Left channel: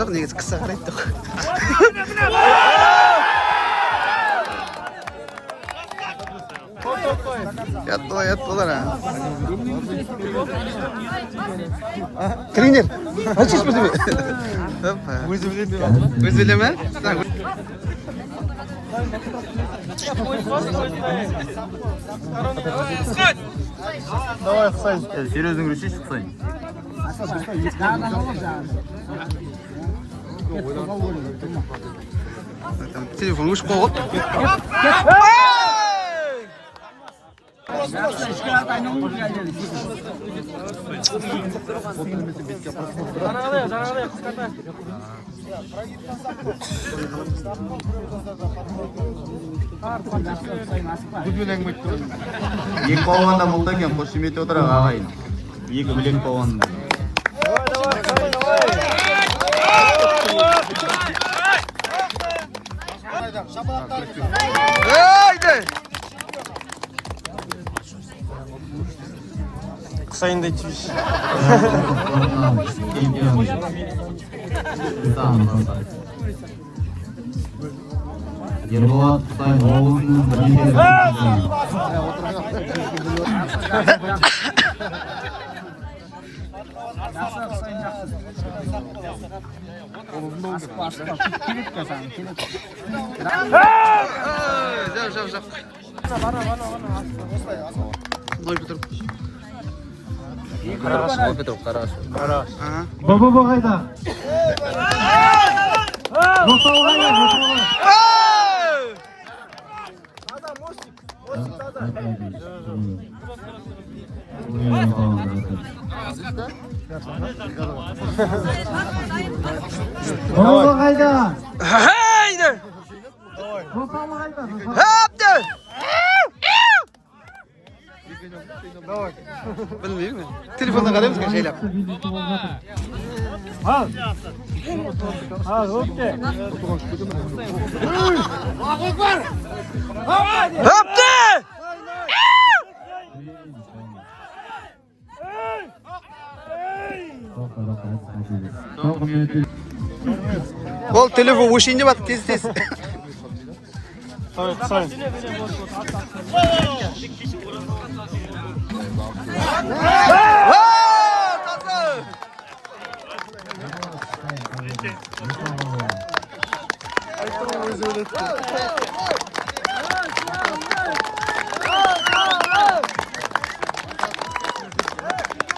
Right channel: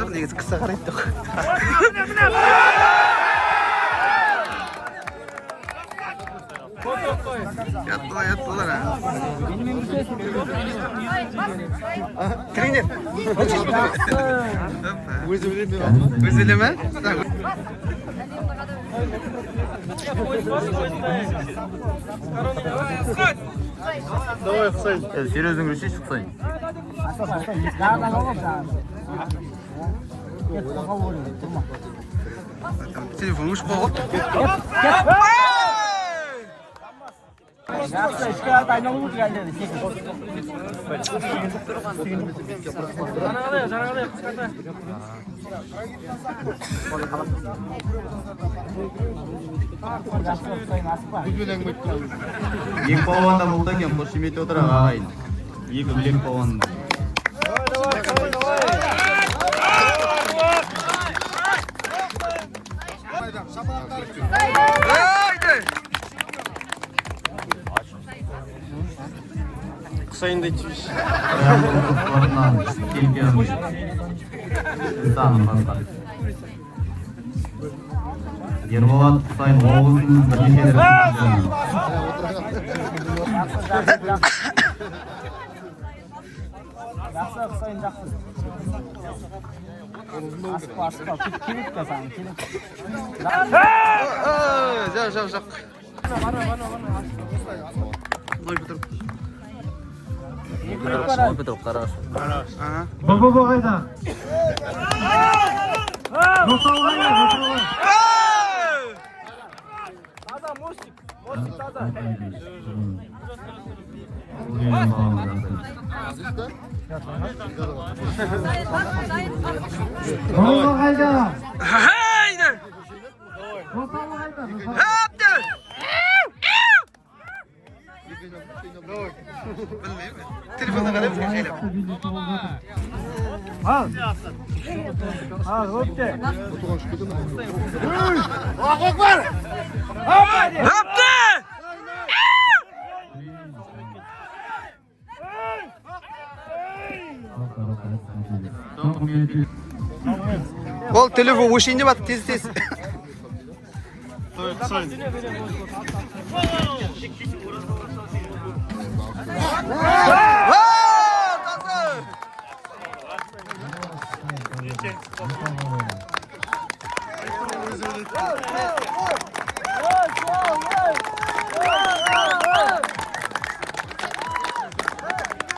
Жоқ, негізі қыса қарайды да. Ятты. Тренер, açış mı değil? Özüleme. Давай, Хусайн. Серьезно говорю, чуть Хусайн. Телефон уж пол. Екі палуанда мылтық екен, қошемет отырақ ағайын. Екі білек палуанда. Haydi. Хусайн да чиш. Қоян қондырықтарынан келген ұстаным басқан. Ерболат Хусайн облысының бірнеше дәрежесі. Жоқ. Ной бітіріп. Петров, хорошо. Баба қайда? Жотауы қайда? Баба қайда? Haydi. Жотауы қайда? Haptı. Bilmiyorum. Telefonda qaraymiz şeyler. Haptı. Ол телефон ушинде бат тез. Давай, Хусайн. Tatlı.